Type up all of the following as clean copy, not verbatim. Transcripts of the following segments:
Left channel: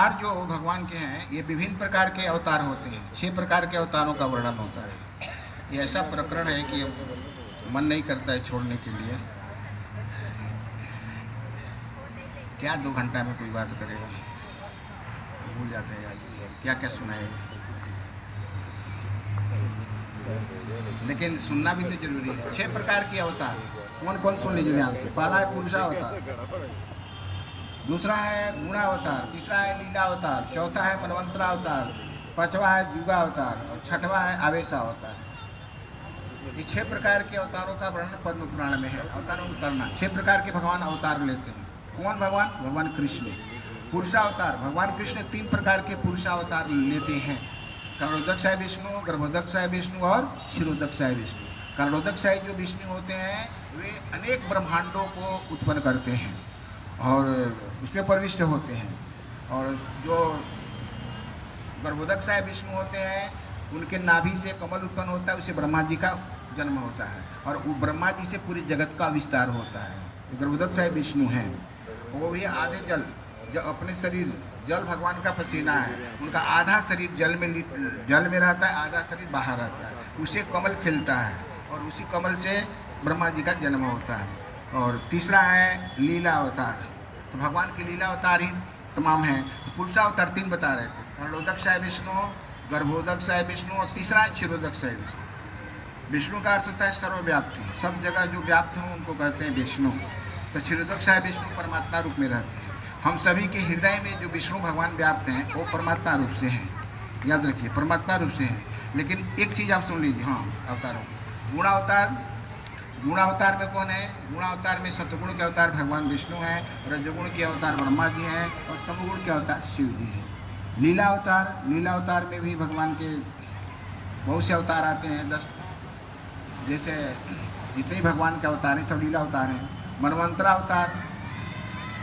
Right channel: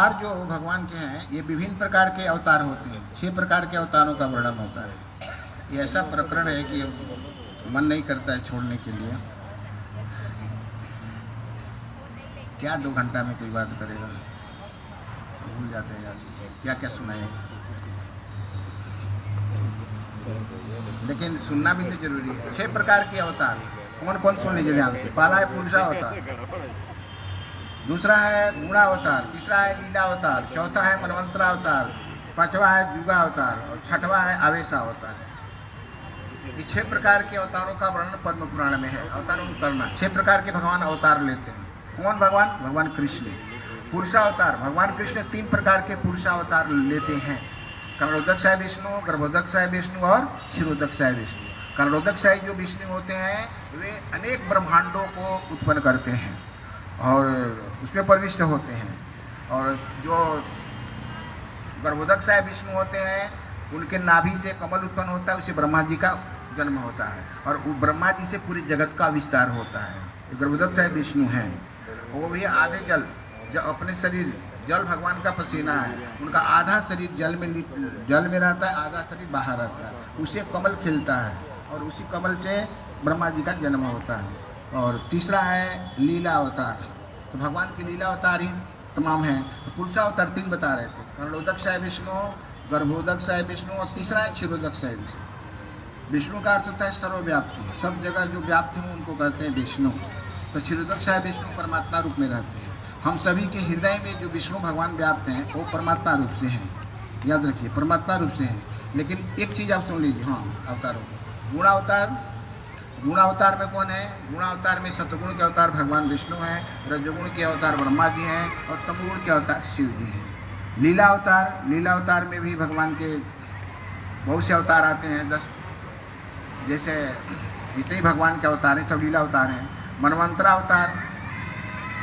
अवतार जो भगवान के हैं ये विभिन्न प्रकार के अवतार होते हैं। 6 प्रकार के अवतारों का वर्णन होता है। ये ऐसा प्रकरण है कि मन नहीं करता है छोड़ने के लिए। क्या 2 घंटा में कोई बात करेगा, भूल जाते हैं यार क्या क्या सुनाए। लेकिन सुनना भी तो जरूरी है। 6 प्रकार के अवतार कौन कौन सुन लीजिए ध्यान से। पहला है पुरुषावतार, दूसरा है गुणावतार, तीसरा है लीलावतार, चौथा है मनवंतरावतार, पांचवा है युगावतार और छठवा है आवेशावतार। ये 6 प्रकार के अवतारों का वर्णन पद्म पुराण में है। अवतारों में उतरना 6 प्रकार के भगवान अवतार लेते हैं। कौन भगवान? भगवान कृष्ण। पुरुषावतार भगवान कृष्ण 3 प्रकार के पुरुषावतार लेते हैं। कर्णोदक्षाय विष्णु, गर्भोदक्षाय विष्णु और क्षीरोदक्षाय विष्णु। कर्णोदक्षाय जो विष्णु होते हैं वे अनेक ब्रह्मांडों को उत्पन्न करते हैं और उसमें प्रविष्ट होते हैं। और जो गर्भोदक्षाय विष्णु होते हैं उनके नाभि से कमल उत्पन्न होता है, उससे ब्रह्मा जी का जन्म होता है और वो ब्रह्मा जी से पूरे जगत का विस्तार होता है। तो गर्भोदक्षाय विष्णु हैं, वो भी आधे जल, जो अपने शरीर जल भगवान का पसीना है, उनका आधा शरीर जल में रहता है, आधा शरीर बाहर रहता है, उससे कमल खिलता है और उसी कमल से ब्रह्मा जी का जन्म होता है। और तीसरा है लीला अवतार। तो भगवान के लीला अवतार ही तमाम हैं। तो पुरुषावतार 3 बता रहे थे, कर्णोदक्षाय विष्णु, गर्भोदक्षाय विष्णु और तीसरा है क्षीरोदक्षाय विष्णु। विष्णु का अर्थ होता है सर्वव्याप्ति, सब जगह जो व्याप्त हो उनको कहते हैं विष्णु। तो क्षीरोदक्षाय विष्णु परमात्मा रूप में रहते हैं। हम सभी के हृदय में जो विष्णु भगवान व्याप्त हैं वो परमात्मा रूप से हैं, याद रखिए परमात्मा रूप से हैं। लेकिन एक चीज़ आप सुन लीजिए, हाँ अवतारों को। गुणावतार, गुणावतार में कौन है? गुणावतार में सतगुण के अवतार भगवान विष्णु हैं, रजगुण के अवतार ब्रह्मा जी हैं और तमोगुण के अवतार शिव जी हैं। लीला अवतार, लीला अवतार में भी भगवान के बहुत से अवतार आते हैं। 10 जैसे जितने भगवान के अवतार हैं सब लीला अवतार हैं। मनवंतरा अवतार,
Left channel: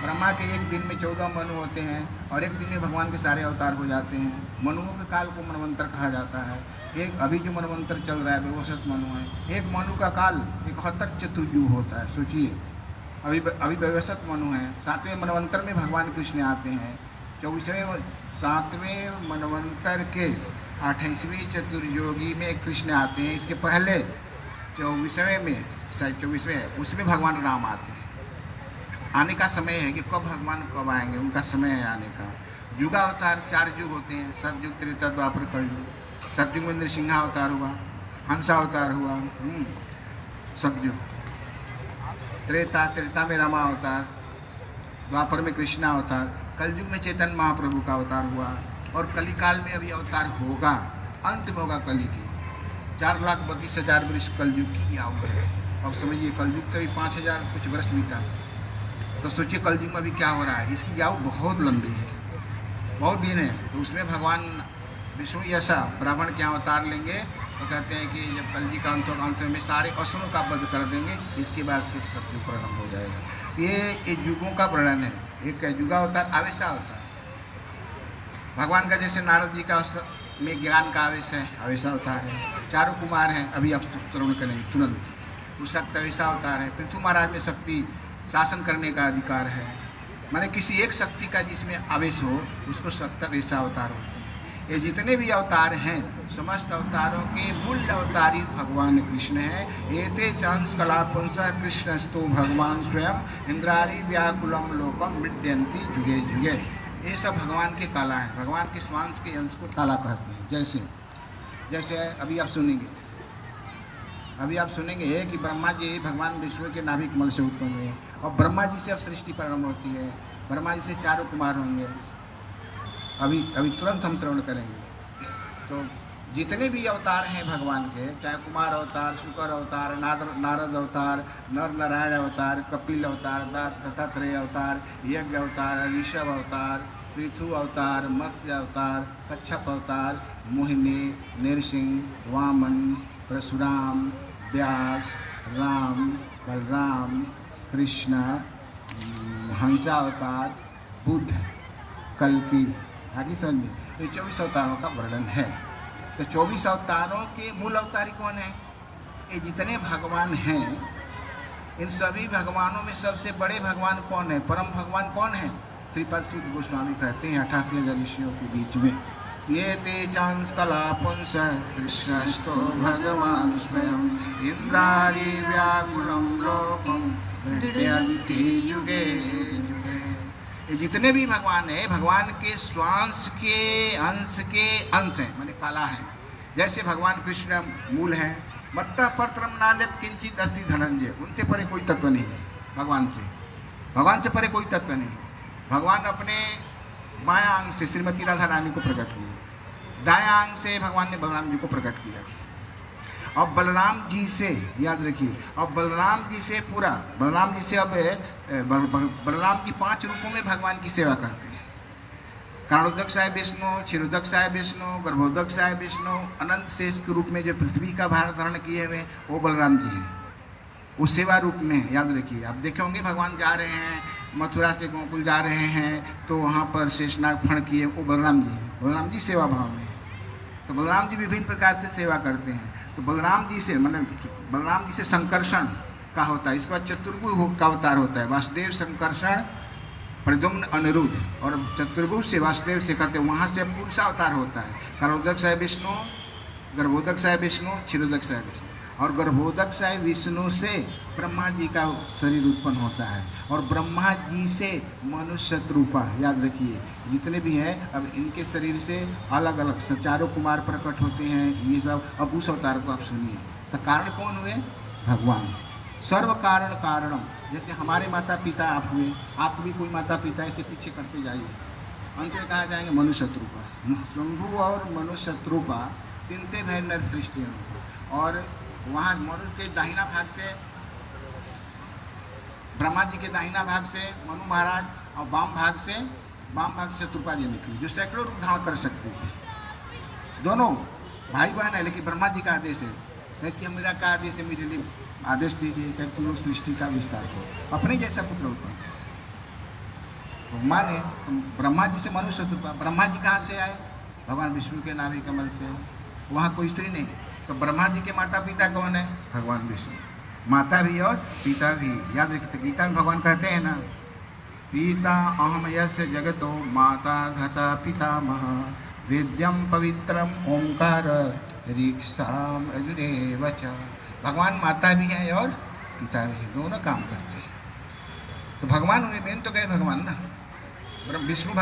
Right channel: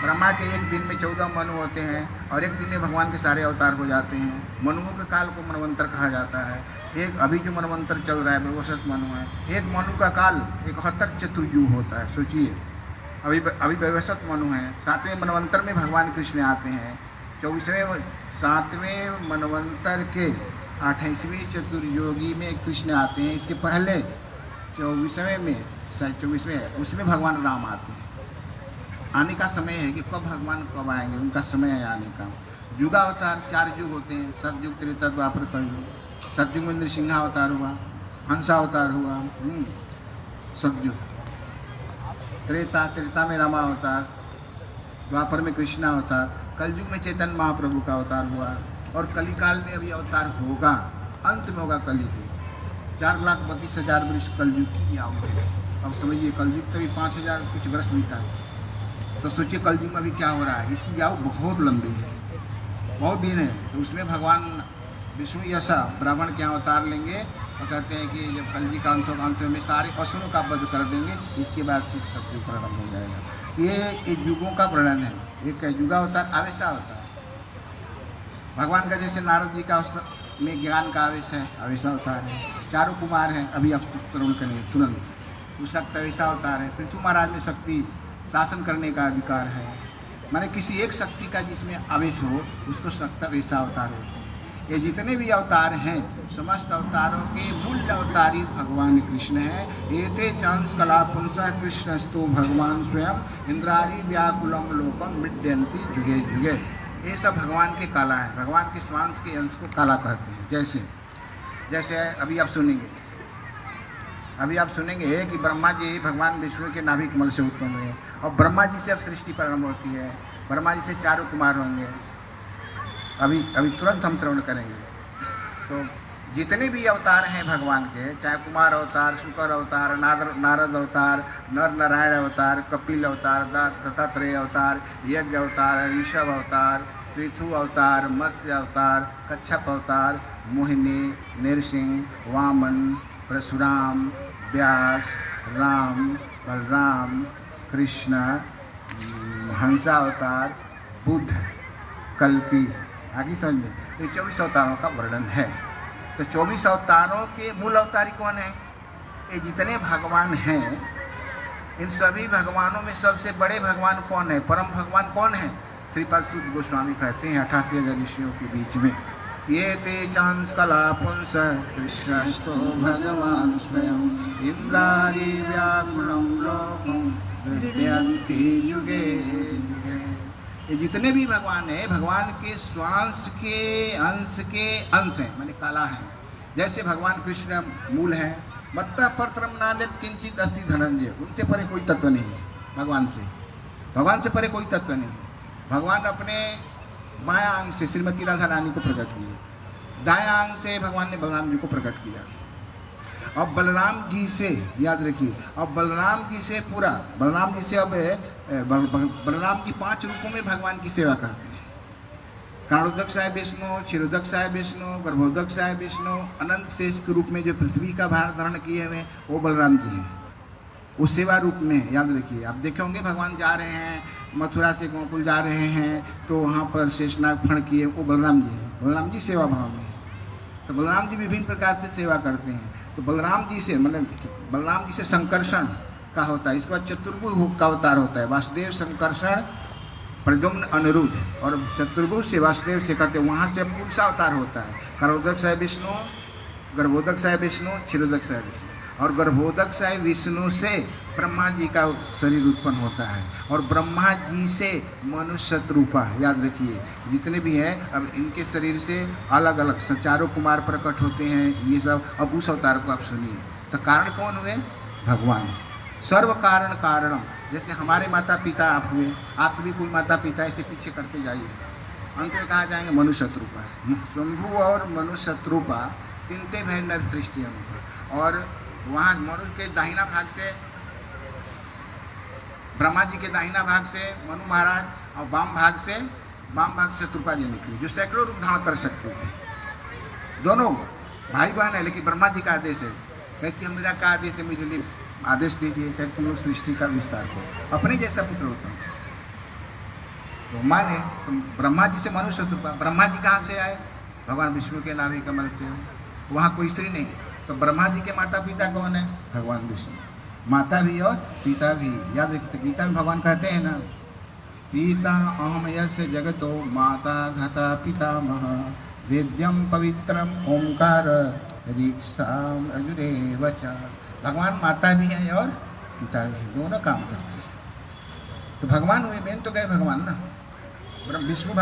ब्रह्मा के एक दिन में 14 मनु होते हैं और एक दिन में भगवान के सारे अवतार हो जाते हैं। मनुओं के काल को मनवंतर कहा जाता है। एक अभी जो मनवंतर चल रहा है वैवस्वत मनु है। एक मनु का काल 71 चतुर्युग होता है, सोचिए। अभी वैवस्वत मनु है। 7वें मनवंतर में भगवान कृष्ण आते हैं। 7वें मनवंतर के 28वें चतुर्योगी में कृष्ण आते हैं। इसके पहले 24वें उसमें भगवान राम आते हैं। आने का समय है कि भगवान कब आएंगे, उनका समय है आने का। युगावतार 4 युग होते हैं, सतयुग, त्रेता, द्वापर, कलयुग। सतयुग में नृसिंहावतार हुआ, हंसावतार हुआ, सतयुग। त्रेता में रामावतार, द्वापर में कृष्णावतार, कलयुग में चैतन्य महाप्रभु का अवतार हुआ और कलिकाल में अभी अवतार होगा, अंत में होगा कली के। 4,32,000 वर्ष कलयुग की आयु है। अब समझिए कलयुग तो अभी 5,000 कुछ वर्ष बीता, तो सोचिए कलयुग में अभी क्या हो रहा है। इसकी आयु बहुत लंबी है, बहुत दिन है। तो उसमें भगवान विष्णु ऐसा ब्राह्मण के अवतार लेंगे और कहते हैं कि जब कलयुग का अंत होगा, अंत में सारे असुरों का वध कर देंगे, इसके बाद फिर सतयुग प्रारंभ हो जाएगा। ये युगों का वर्णन है। एक है युगावतार, आवेशावतार। भगवान का जैसे नारद जी का में ज्ञान का आवेश है, आवेशावतार है। 4 कुमार हैं, अभी आप श्रवण करेंगे तुरंत। उस शक्त आवेशावतार है। पृथ्वी महाराज में शक्ति शासन करने का अधिकार है, माने किसी एक शक्ति का जिसमें आवेश हो उसको शक्त आवेशावतार होते हैं। ये जितने भी अवतार हैं समस्त अवतारों के मूल अवतारी भगवान कृष्ण हैं। एते चंस कला पुंस कृष्णस्तु भगवान स्वयं इंद्रारी व्याकुलम लोकम मृद्यंती जुगे जुगे। ये सब भगवान के काला है, भगवान के स्वांश के अंश को काला कहते हैं। जैसे अभी आप सुनेंगे कि ब्रह्मा जी भगवान विष्णु के नाभि कमल से उत्पन्न हुए और ब्रह्मा जी से अब सृष्टि प्रारंभ होती है। ब्रह्मा जी से 4 कुमार होंगे, अभी तुरंत हम श्रवण करेंगे। तो जितने भी अवतार हैं भगवान के, चाहे कुमार अवतार, शुकर अवतार, नारद अवतार, नर नारायण अवतार, कपिल अवतार, दत्तात्रेय अवतार, यज्ञ अवतार, ऋषभ अवतार, पृथु अवतार, मत्स्य अवतार, कच्छप अवतार, मोहिनी, नरसिंह, वामन, परशुराम, व्यास, राम, बलराम, कृष्ण, हंसावतार, बुद्ध, कल्कि, आगे समझ में। ये 24 अवतारों का वर्णन है। तो 24 अवतारों के मूल अवतारी कौन है? ये जितने भगवान हैं इन सभी भगवानों में सबसे बड़े भगवान कौन है? परम भगवान कौन है? श्रीपाद सूत गोस्वामी कहते हैं 88,000 ऋषियों के बीच में, ये ते चांस कला पुंस कृष्णस्तो भगवान स्वयं इंद्रारी व्याकुलम लोकम विद्यन्ति युगे युगे। ये जितने भी भगवान हैं, भगवान के स्वांश के अंश हैं, माने कला है। जैसे भगवान कृष्ण मूल है, मत्तः परत्रम नान्यत् किंचित् अस्ति धनंजय, उनसे परे कोई तत्व नहीं है। भगवान से परे कोई तत्व नहीं है। भगवान अपने बायां अंग से श्रीमती राधा रानी को प्रकट किया, दायां अंग से भगवान ने बलराम जी को प्रकट किया। अब बलराम जी से याद रखिए, अब बलराम जी से अब बलराम जी 5 रूपों में भगवान की सेवा करते हैं। कारणोदक है विष्णु, क्षीरोदक है विष्णु, गर्भोदक है विष्णु, अनंत शेष के रूप में जो पृथ्वी का भार धारण किए हुए वो बलराम जी हैं। उस सेवा रूप में याद रखिए, आप देखे होंगे भगवान जा रहे हैं मथुरा से गोकुल जा रहे हैं तो वहाँ पर शेषनाग फण किए, वो बलराम जी हैं। बलराम जी सेवा भाव में है, तो बलराम जी विभिन्न प्रकार से सेवा करते हैं। तो बलराम जी से संकर्षण का होता है। इसके बाद चतुर्भुज का अवतार होता है, वासुदेव संकर्षण प्रद्युम्न अनिरुद्ध, और चतुर्भुज से वासुदेव से कहते हैं, वहाँ से पुरुष अवतार होता है। कारोदक है विष्णु, गर्भोदक है विष्णु, क्षीरोदक है विष्णु, और गर्भोदक है विष्णु से ब्रह्मा जी का शरीर उत्पन्न होता है, और ब्रह्मा जी से मनुष्य रूपा, याद रखिए जितने भी हैं अब इनके शरीर से अलग अलग चारों कुमार प्रकट होते हैं। ये सब अब उस अवतार को आप सुनिए। तो कारण कौन हुए? भगवान। सर्व कारण कारणम, जैसे हमारे माता पिता आप हुए, आप भी कोई माता पिता, ऐसे पीछे करते जाइए, अंत में कहा जाएंगे मनुष्य रूपा। शंभु और मनुष्य रूपा तिनते भय नर सृष्टि अनुपा। और वहाँ मनुष्य के दाहिना भाग से, ब्रह्मा जी के दाहिना भाग से मनु महाराज, और वाम भाग से शत्रुपा जी निकली, जो सैकड़ों रूप धारण कर सकते थे। दोनों भाई बहन है, लेकिन ब्रह्मा जी का आदेश है, कह कि मेरा का आदेश है, मुझे लिए आदेश दीजिए, कह तुम लोग सृष्टि का विस्तार करो, अपने जैसा पुत्र उत्पन्न। तो माने तो ब्रह्मा जी से मनुष्य शत्रुपा। ब्रह्मा जी कहाँ से आए? भगवान विष्णु के नाभि कमल से। वहाँ कोई स्त्री नहीं, तो ब्रह्मा जी के माता पिता कौन है? भगवान विष्णु। माता भी और पिता भी, याद रखिए। गीता में भगवान कहते हैं ना, पिता अहम यस्य जगतो माता घता पितामह वेद्यम पवित्रम ओंकार ऋक्षाम अजुरेव च। भगवान माता भी हैं और पिता भी हैं, दोनों काम करते हैं। तो भगवान हुए, मेन तो गए भगवान ना, विष्णु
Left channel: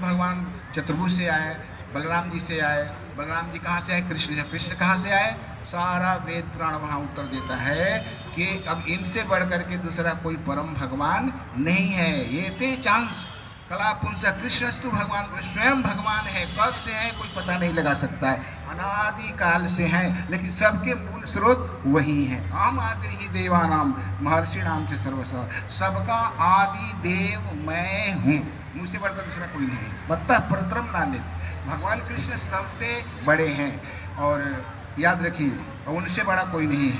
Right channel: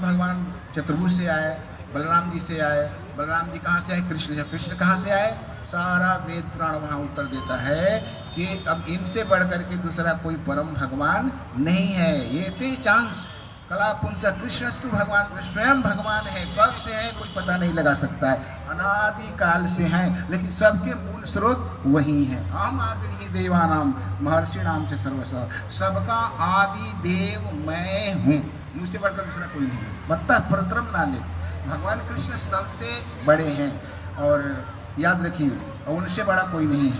भगवान चतुर्भुज से आए, बलराम जी से आए। बलराम जी कहाँ से आए? कृष्ण कहाँ से आए? सारा वेद पुराण वहाँ उत्तर देता है कि अब इनसे बढ़ करके दूसरा कोई परम भगवान नहीं है। ये ते चांस कला पुंस कृष्णस्तु भगवान, स्वयं भगवान है। कब से है कोई पता नहीं लगा सकता है, अनादि काल से हैं, लेकिन सबके मूल स्रोत वही है। हम आदि ही देवानाम महर्षि नाम से सर्वस्व, सबका आदि देव मैं हूँ, मुझसे बढ़कर दूसरा कोई नहीं। मत्तः परत्रम नान्यत्, भगवान कृष्ण सबसे बड़े हैं, और याद रखिए उनसे बड़ा कोई नहीं है।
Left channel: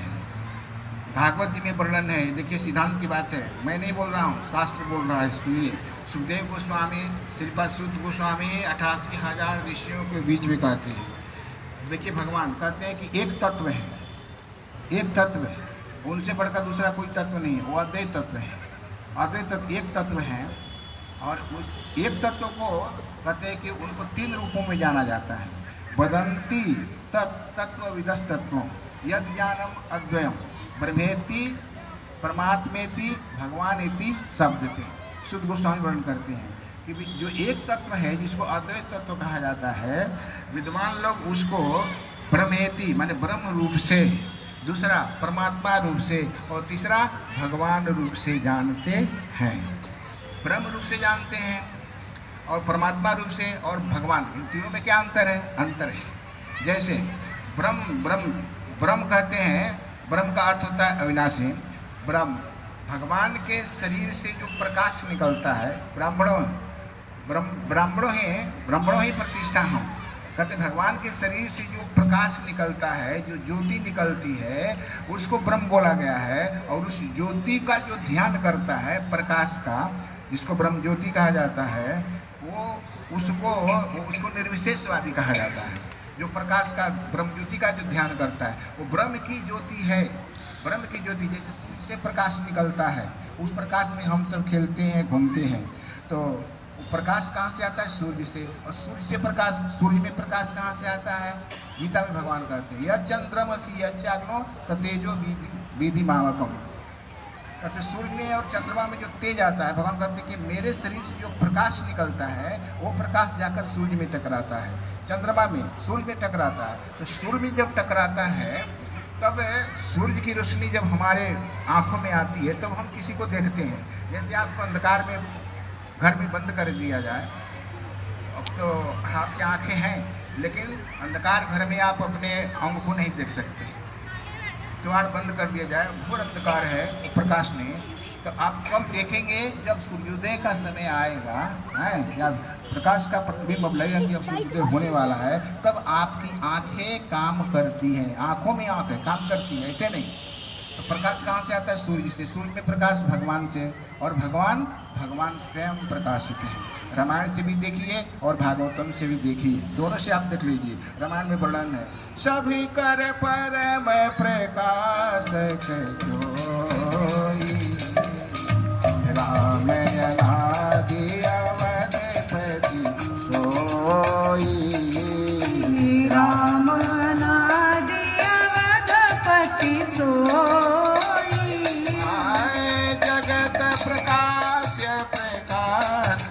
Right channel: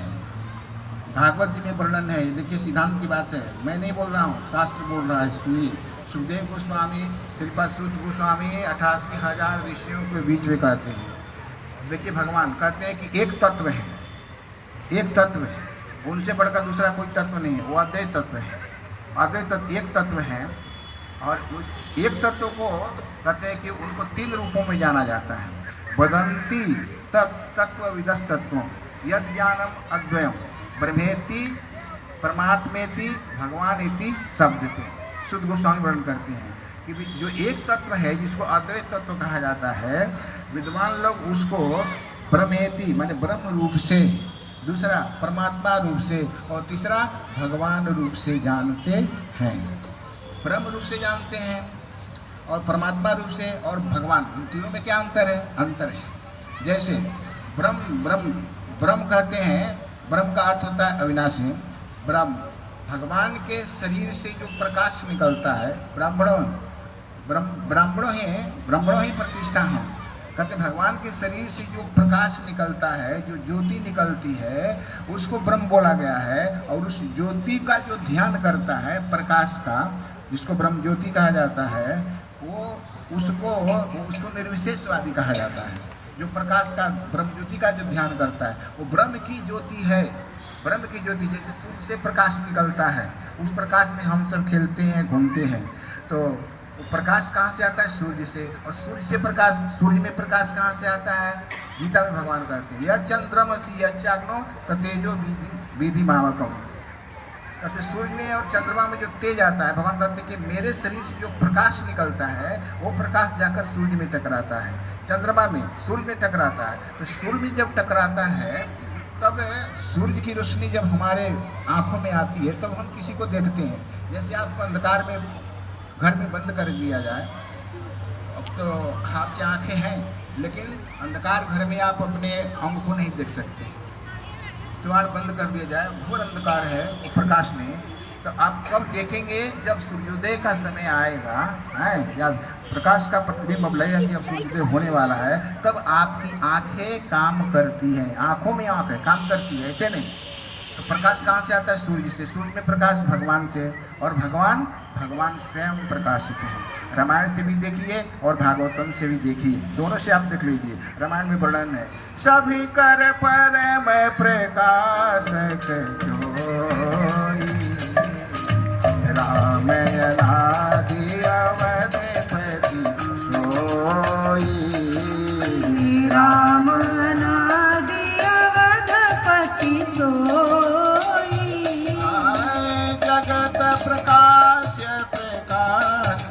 भागवत जी में वर्णन है, देखिए सिद्धांत की बात है, मैं नहीं बोल रहा हूँ, शास्त्र बोल रहा है। सुनिए, सुखदेव गोस्वामी, श्रीपाद सूत गोस्वामी 88,000 ऋषियों के बीच में कहते हैं। देखिए भगवान कहते हैं कि एक तत्व है, एक तत्व है, उनसे बढ़कर दूसरा कोई तत्व नहीं है, वो अद्वैत तत्व है। अद्वैत तत्व एक तत्व है, और उस एक तत्व को कहते हैं कि उनको 3 रूपों में जाना जाता है। वदंती तत्व विदस तत्व यद ज्ञानम अद्वयम ब्रह्मेति परमात्मेति भगवान इति शब्दते। शुद्ध गोस्वामी वर्णन करते हैं कि जो एक तत्व है जिसको अद्वैत तत्व कहा जाता है, विद्वान लोग उसको ब्रह्मेति माने ब्रह्म रूप से, दूसरा परमात्मा रूप से, और तीसरा भगवान रूप से जानते हैं। ब्रह्म रूप से जानते हैं और परमात्मा रूप से और भगवान, इन तीनों में क्या अंतर है? अंतर है। जैसे ब्रह्म कहते हैं, ब्रह्म का अर्थ होता है अविनाशी। ब्रह्म भगवान के शरीर से जो प्रकाश निकलता है, ब्राह्मणों ही प्रतिष्ठा हो। कहते भगवान के शरीर से जो प्रकाश निकलता है, जो ज्योति निकलती है, उसको ब्रह्म बोला गया है। और उस ज्योति का जो ध्यान करता है, प्रकाश का, जिसको ब्रह्म ज्योति कहा जाता है, उसको निर्विशेषवादी कहा जाता है। जो प्रकाश का, ब्रह्म ज्योति का जो ध्यान करता है, वो ब्रह्म की ज्योति है। ब्रह्म की ज्योति जैसे सूर्य से प्रकाश निकलता है, उस प्रकाश में हम सब खेलते हैं, घूमते हैं। तो वो प्रकाश कहाँ से आता है? सूर्य से। और सूर्य से प्रकाश, सूर्य में प्रकाश कहाँ से आता है? गीता में भगवान कहते हैं यह चंद्रमसी यह चाग्नो तेजो विधि मावकम। कहते सूर्य में और चंद्रमा में जो तेज आता है, भगवान कहते हैं कि मेरे शरीर से जो प्रकाश निकलता है वो प्रकाश जाकर सूर्य में टकराता है, चंद्रमा में, सूर्य में टकराता है। तो सूर्य में जब टकराता है तब सूर्य की रोशनी जब हमारे आंखों में आती है तब हम किसी को देखते हैं। जैसे आपको अंधकार में घर में बंद कर दिया जाए, अब तो आपकी आंखें हैं लेकिन अंधकार घर में आप अपने अंग को नहीं देख सकते। द्वार बंद कर दिया जाए, घोर अंधकार है प्रकाश में, तो आप कब देखेंगे? जब सूर्योदय का समय आएगा, है या प्रकाश का प्रतिबिंब अब लगेगा कि अब सूर्योदय होने वाला है, तब आपकी आंखें काम करती हैं। आंखों में आंख है, काम करती है, ऐसे नहीं। तो प्रकाश कहाँ से आता है? सूर्य से। सूर्य में प्रकाश भगवान से, और भगवान स्वयं प्रकाशित है। रामायण से भी देखिए और भागवतम से भी देखिए, दोनों से आप देख लीजिए। रामायण में वर्णन है सभी कर परम प्रकाश जोई, राम अनादि अवधपति सोई, राम अनादि अवधपति सोई। जगत प्रकाश प्रकाश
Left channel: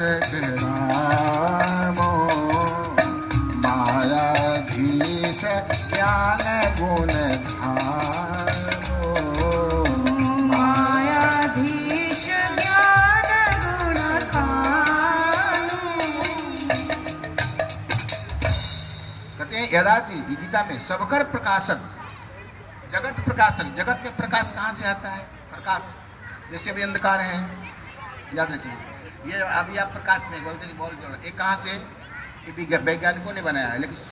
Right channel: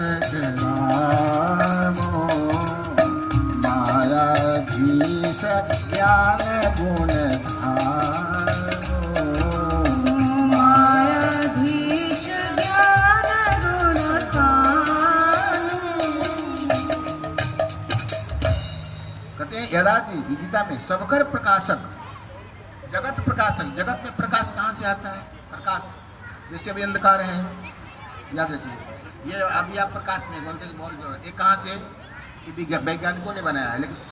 रामो, मायाधीश ज्ञान गुण धारो, मायाधीश ज्ञान गुण खानो। कहते हैं यदाति गीता में सबकर प्रकाशक, जगत प्रकाशक। जगत में प्रकाश कहाँ से आता है? प्रकाश जैसे अभी अंधकार है, याद रखिए, ये अभी आप प्रकाश में बोलते हैं, ये कहाँ से? ये वैज्ञानिकों ने बनाया है, लेकिन